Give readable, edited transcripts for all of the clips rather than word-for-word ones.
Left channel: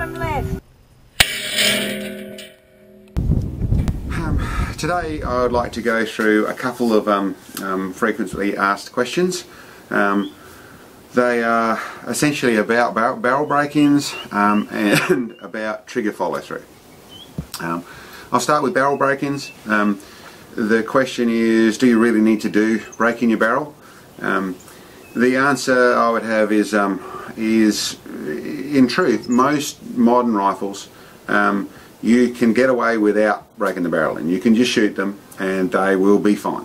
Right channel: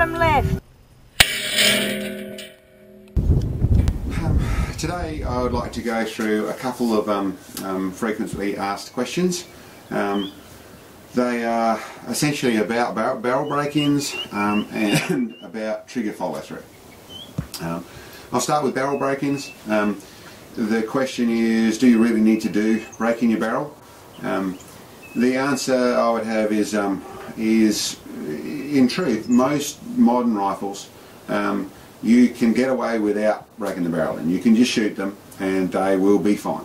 bottom left. Today I would like to go through a couple of frequently asked questions. They are essentially about barrel break-ins and about trigger follow-through. I'll start with barrel break-ins. The question is, do you really need to break in your barrel? The answer I would have is in truth, most modern rifles you can get away without breaking the barrel in. You can just shoot them and they will be fine.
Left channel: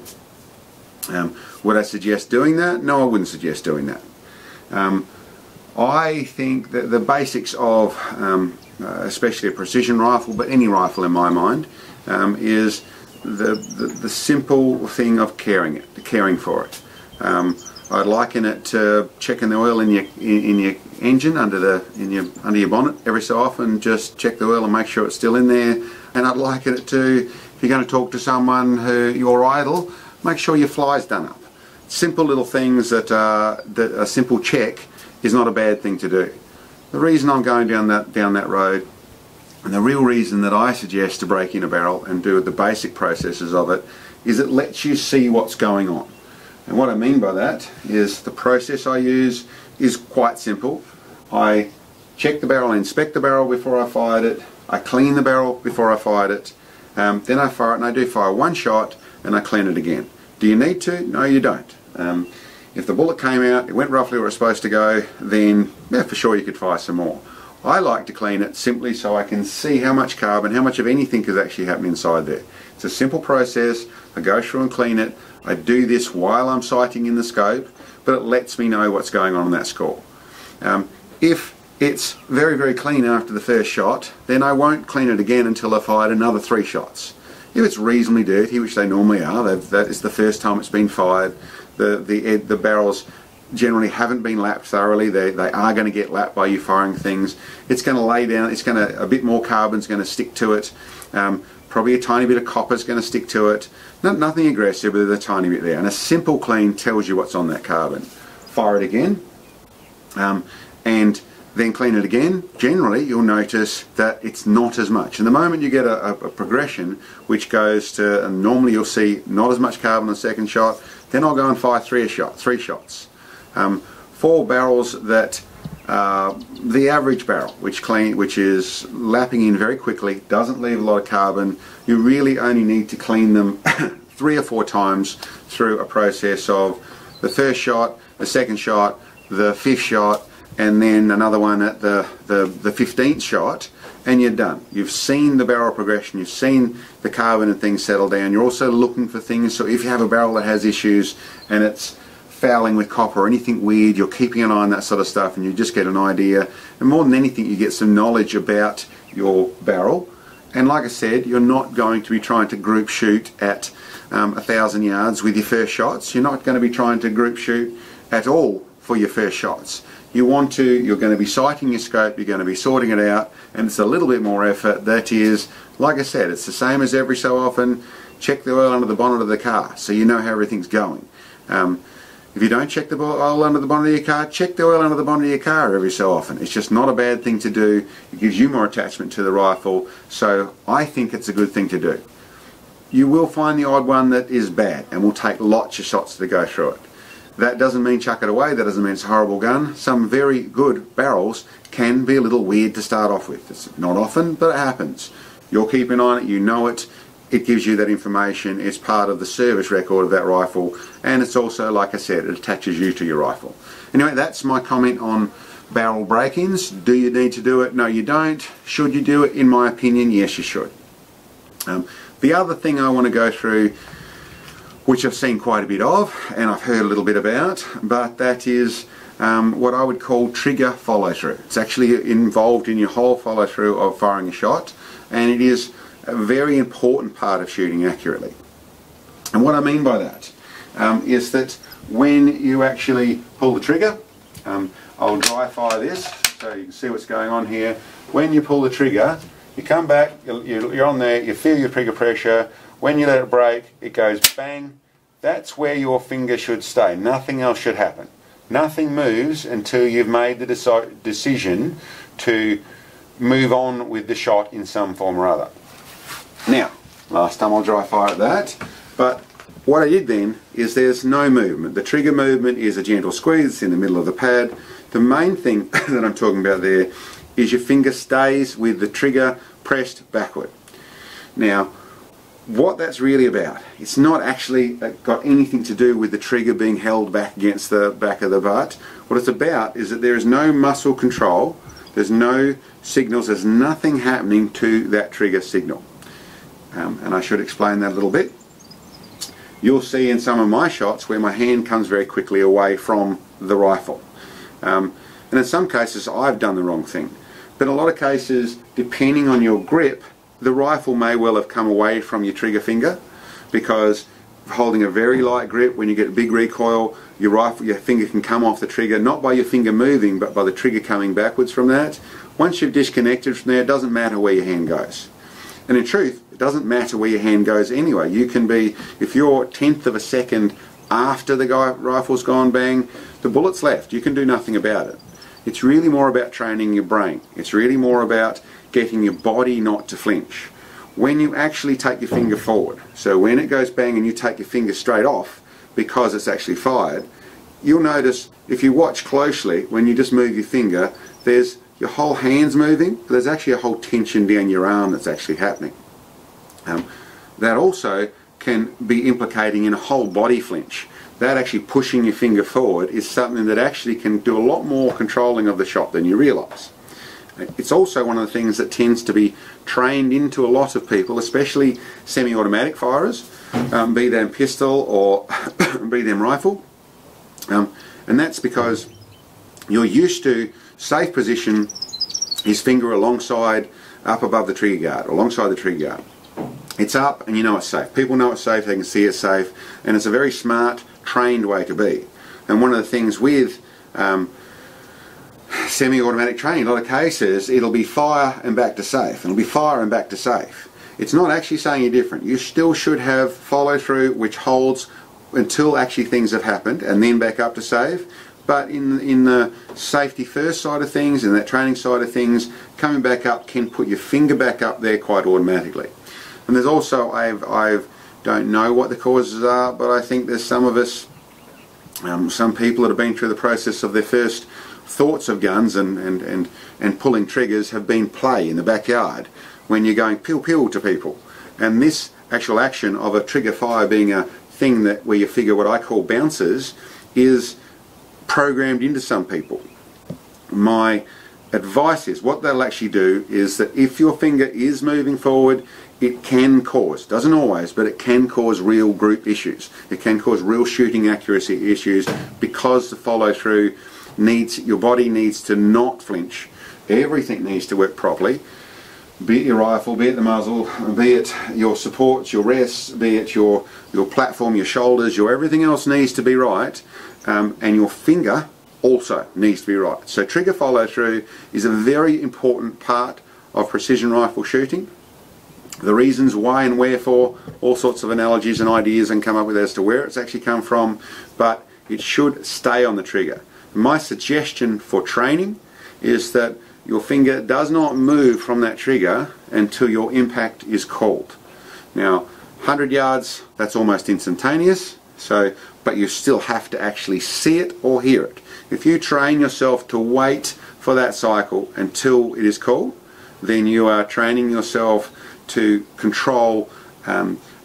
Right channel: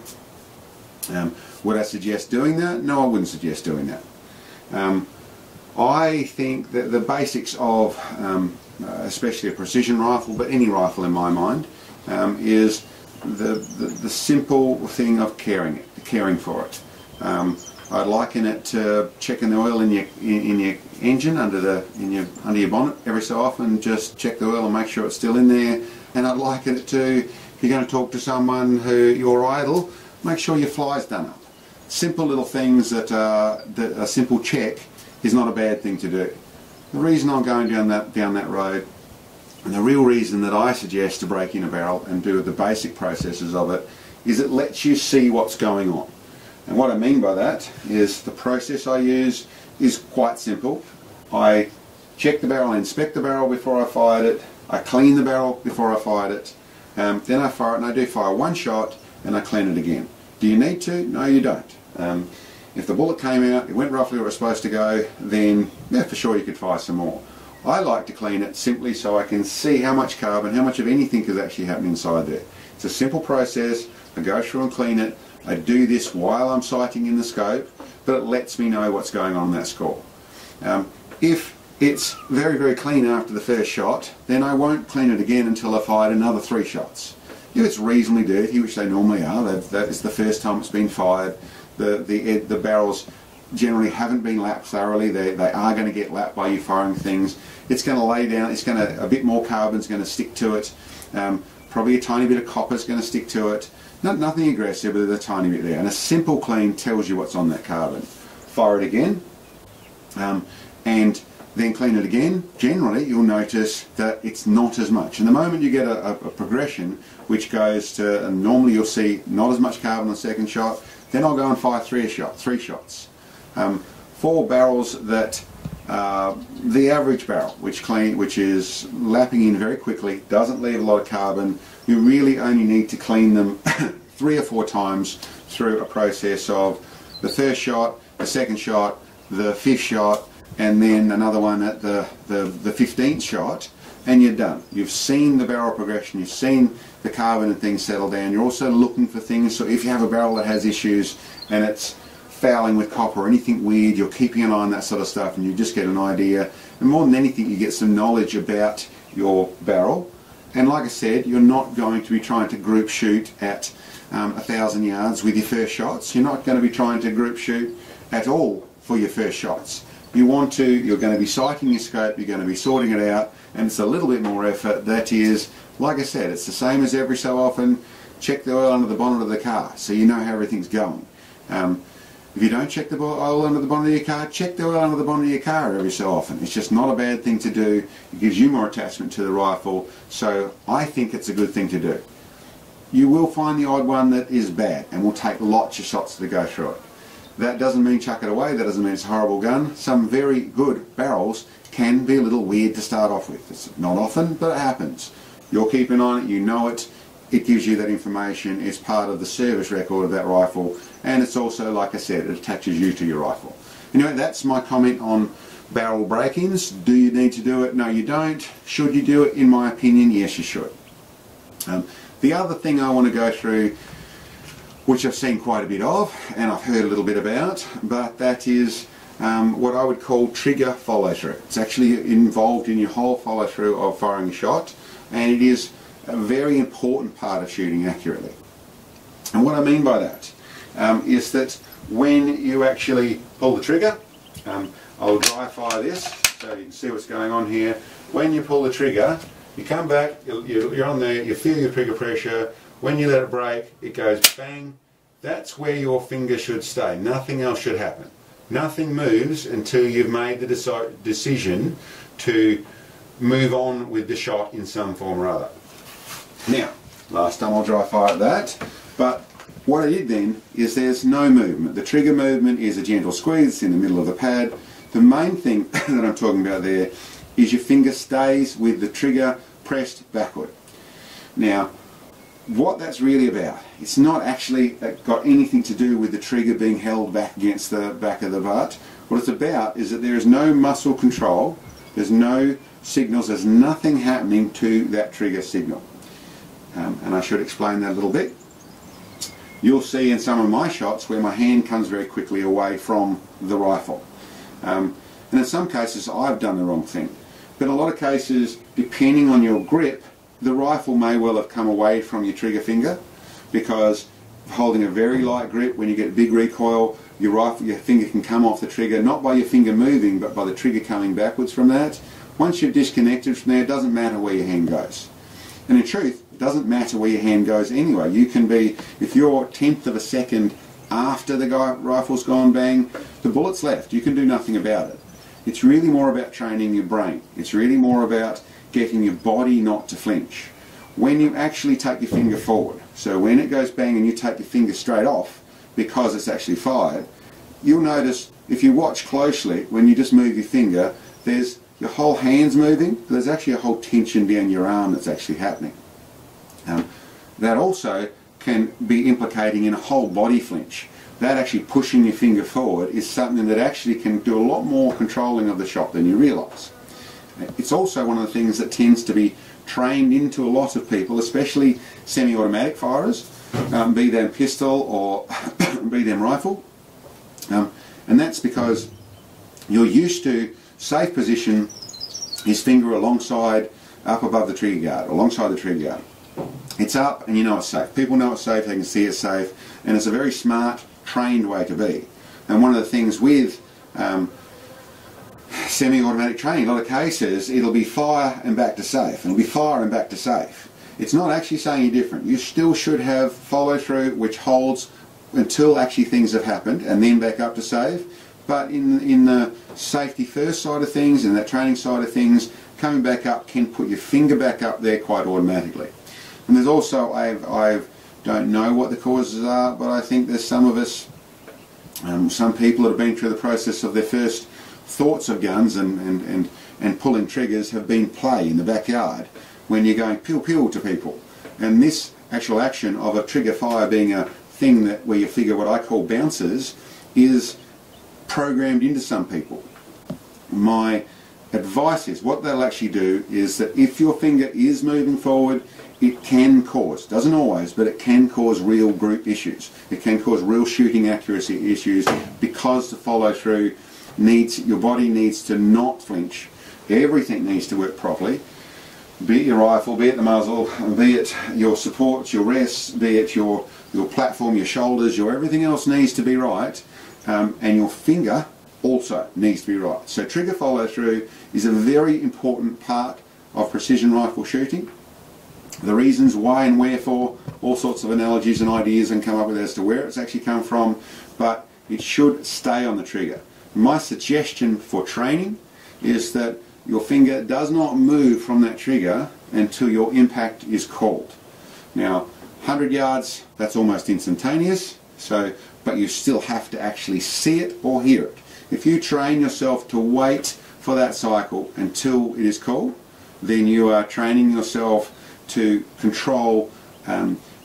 Would I suggest doing that? No, I wouldn't suggest doing that. I think that the basics of especially a precision rifle, but any rifle in my mind, is the simple thing of caring for it. I'd liken it to checking the oil in your engine under your bonnet every so often. Just check the oil and make sure it's still in there. And I'd liken it to, if you're going to talk to someone who you're idle, make sure your fly's done up. Simple little things that a simple check is not a bad thing to do. The reason I'm going down that road, and the real reason that I suggest to break in a barrel and do the basic processes of it, is it lets you see what's going on. And what I mean by that is the process I use is quite simple. I check the barrel, I inspect the barrel before I fired it, I clean the barrel before I fired it, then I fire it, and I do fire one shot and I clean it again. Do you need to? No, you don't. If the bullet came out, it went roughly where it's supposed to go, then yeah, for sure you could fire some more. I like to clean it simply so I can see how much carbon, how much of anything is actually happening inside there. It's a simple process. I go through and clean it. I do this while I'm sighting in the scope, but it lets me know what's going on in that score. If it's very, very clean after the first shot, then I won't clean it again until I've fired another 3 shots. If it's reasonably dirty, which they normally are, that is the first time it's been fired, the barrels generally haven't been lapped thoroughly. They are going to get lapped by you firing things. It's going to lay down, a bit more carbon's going to stick to it. Probably a tiny bit of copper's going to stick to it. Nothing aggressive, but there's a tiny bit there. And a simple clean tells you what's on that carbon. Fire it again, and then clean it again. Generally, you'll notice that it's not as much. And the moment you get a progression, which goes to, and normally you'll see not as much carbon on the second shot, then I'll go and fire 3 shots. 4 barrels that the average barrel, which is lapping in very quickly, doesn't leave a lot of carbon. You really only need to clean them 3 or 4 times through a process of the first shot, the second shot, the 5th shot, and then another one at the 15th shot, and you're done. You've seen the barrel progression, you've seen the carbon and things settle down. You're also looking for things, so if you have a barrel that has issues and it's fouling with copper or anything weird, you're keeping an eye on that sort of stuff, and you just get an idea. And more than anything, you get some knowledge about your barrel. And like I said, you're not going to be trying to group shoot at 1,000 yards with your first shots. You're not going to be trying to group shoot at all for your first shots. You're going to be sighting your scope, you're going to be sorting it out, and it's a little bit more effort. That is, like I said, it's the same as every so often, check the oil under the bonnet of the car so you know how everything's going. If you don't check the oil under the bonnet of your car, check the oil under the bonnet of your car every so often. It's just not a bad thing to do. It gives you more attachment to the rifle, so I think it's a good thing to do. You will find the odd one that is bad and will take lots of shots to go through it. That doesn't mean chuck it away, that doesn't mean it's a horrible gun. Some very good barrels can be a little weird to start off with. It's not often, but it happens. You're keeping on it, you know it. It gives you that information. It's part of the service record of that rifle, and it's also, like I said, it attaches you to your rifle. Anyway, that's my comment on barrel break-ins. Do you need to do it? No, you don't. Should you do it? In my opinion, yes, you should. The other thing I want to go through, which I've seen quite a bit of, and I've heard a little bit about, but that is what I would call trigger follow-through. It's actually involved in your whole follow-through of firing a shot, and it is a very important part of shooting accurately. And what I mean by that is that when you actually pull the trigger, I'll dry fire this so you can see what's going on here. When you pull the trigger, you come back, you're on there, you feel your trigger pressure. When you let it break, it goes bang. That's where your finger should stay. Nothing else should happen. Nothing moves until you've made the decision to move on with the shot in some form or other. Now, last time I'll dry fire at that, but what I did then is there's no movement. The trigger movement is a gentle squeeze in the middle of the pad. The main thing that I'm talking about there is your finger stays with the trigger pressed backward. Now, what that's really about, it's not actually got anything to do with the trigger being held back against the back of the butt. What it's about is that there is no muscle control, there's no signals, there's nothing happening to that trigger signal. And I should explain that a little bit. You'll see in some of my shots where my hand comes very quickly away from the rifle. And in some cases I've done the wrong thing. But in a lot of cases, depending on your grip, the rifle may well have come away from your trigger finger, because holding a very light grip, when you get a big recoil, your finger can come off the trigger, not by your finger moving, but by the trigger coming backwards from that. Once you've disconnected from there, it doesn't matter where your hand goes. And in truth, it doesn't matter where your hand goes anyway. You can be, if you're 1/10 of a second after the rifle's gone bang, the bullet's left. You can do nothing about it. It's really more about training your brain. It's really more about getting your body not to flinch. When you actually take your finger forward, so when it goes bang and you take your finger straight off because it's actually fired, you'll notice if you watch closely, when you just move your finger, there's your whole hand's moving, but there's actually a whole tension down your arm that's actually happening. That also can be implicating in a whole body flinch. That actually pushing your finger forward is something that actually can do a lot more controlling of the shot than you realise. It's also one of the things that tends to be trained into a lot of people, especially semi-automatic firers, be them pistol or be them rifle. And that's because you're used to safe position is finger alongside, up above the trigger guard, alongside the trigger guard. It's up and you know it's safe. People know it's safe, they can see it's safe, and it's a very smart, trained way to be. And one of the things with semi-automatic training, in a lot of cases, it'll be fire and back to safe. It'll be fire and back to safe. It's not actually saying you're different. You still should have follow through, which holds until actually things have happened, and then back up to safe. But in the safety first side of things, in that training side of things, coming back up can put your finger back up there quite automatically. And there's also, I don't know what the causes are, but I think there's some of us, some people that have been through the process of their first thoughts of guns and pulling triggers have been play in the backyard when you're going pew pew to people. And this actual action of a trigger fire being a thing that where you figure what I call bounces is programmed into some people. My advice is what they'll actually do is that if your finger is moving forward, it can cause, doesn't always, but it can cause real group issues. It can cause real shooting accuracy issues because the follow through needs, your body needs to not flinch. Everything needs to work properly. Be it your rifle, be it the muzzle, be it your supports, your rests, be it your platform, your shoulders, your everything else needs to be right, and your finger also needs to be right. So trigger follow through is a very important part of precision rifle shooting. The reasons why and wherefore, all sorts of analogies and ideas and come up with as to where it's actually come from, but it should stay on the trigger. My suggestion for training is that your finger does not move from that trigger until your impact is called. Now, 100 yards, that's almost instantaneous, but you still have to actually see it or hear it. If you train yourself to wait for that cycle until it is called, then you are training yourself to control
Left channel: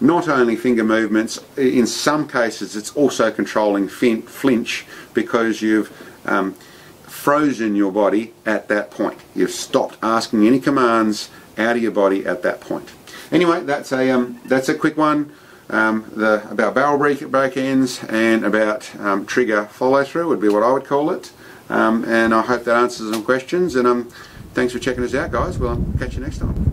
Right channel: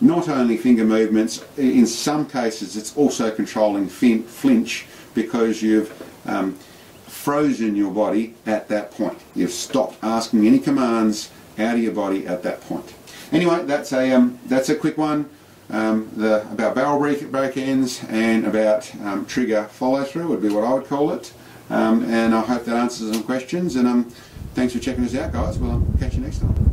not only finger movements, in some cases it's also controlling flinch, because you've frozen your body at that point. You've stopped asking any commands out of your body at that point. Anyway, that's a quick one about barrel break ends and about trigger follow through would be what I would call it. And I hope that answers some questions, and thanks for checking us out, guys. Well, catch you next time.